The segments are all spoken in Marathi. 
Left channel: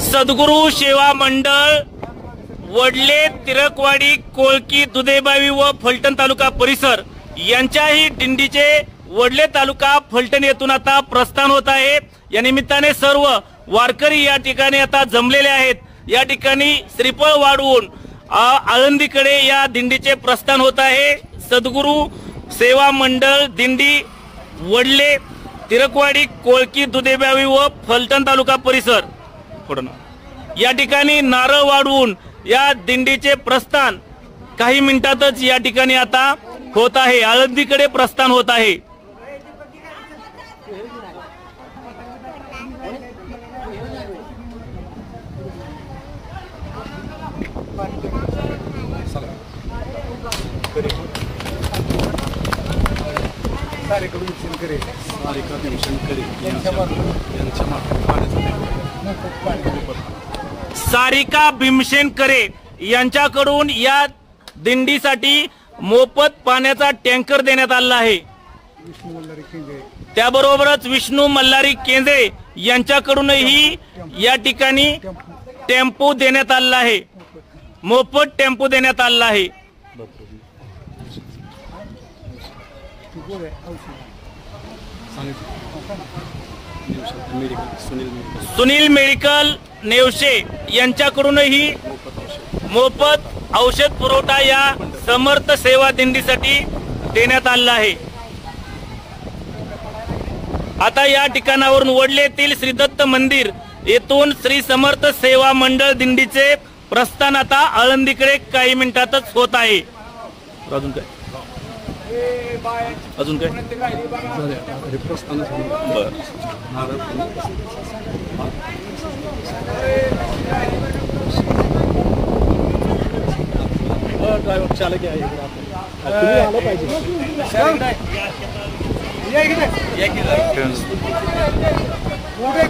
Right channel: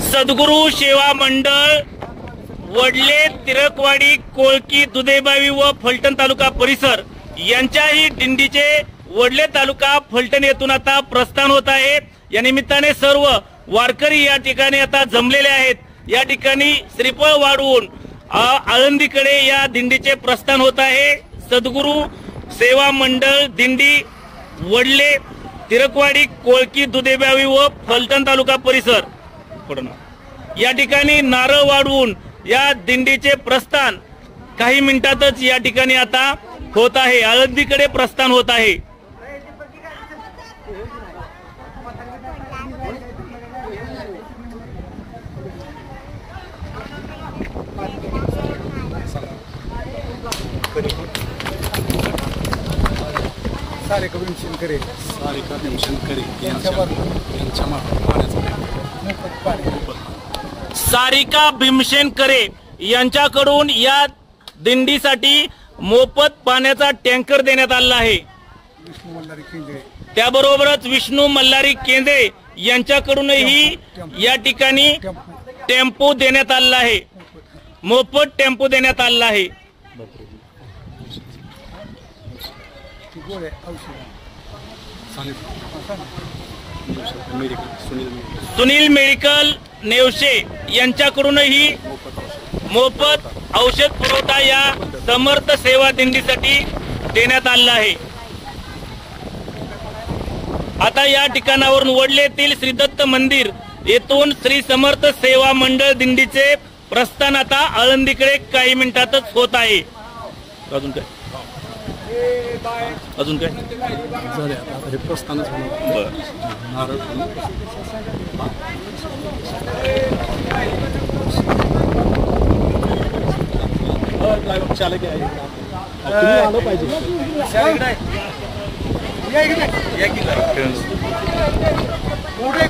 सद्गुरू सेवा मंडळ वडले, तिरकवाडी, कोळकी, दुधेबावी व फलटण तालुका परिसर यांच्याही दिंडीचे वडले तालुका फलटण येथून आता प्रस्थान होत आहे। या निमित्ताने सर्व वारकरी या ठिकाणी आता जमलेले आहेत। या ठिकाणी श्रीफळ वाढवून आळंदीकडे या दिंडीचे प्रस्थान होत आहे। सद्गुरू सेवा मंडळ दिंडी वडले, तिरकवाडी, कोळकी, दुधेबावी व फलटण तालुका परिसर या ठिकाणी नारळ वाढवून या दिंडीचे प्रस्थान काही मिनिटातच या ठिकाणी आता होत आहे। आळंदीकडे प्रस्थान होत आहे। सारिका भीमशेनकरे यांच्याकडून या दिंडीसाठी मोफत पाण्याचा टँकर देण्यात आला आहे। त्याबरोबरच विष्णू मल्हारी केंद्रे यांच्याकडूनही या ठिकाणी टेम्पो देण्यात आला आहे। मोफत टेम्पो देण्यात आला आहे। सुनील मेडिकल नेवसे यांच्याकडूनही मोफत औषध पुरवठा या समर्थ सेवा दिंडीसाठी देण्यात आला आहे। आता या ठिकाणावरून वडले येथील श्री दत्त मंदिर येथून श्री समर्थ सेवा मंडळ दिंडीचे प्रस्थान आता आळंदीकडे काही मिनिटातच होत आहे। अजून काय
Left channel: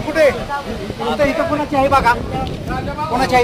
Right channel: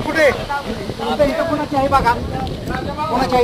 कुठे इथं कोणाची आहे बघा, कोणाची आहे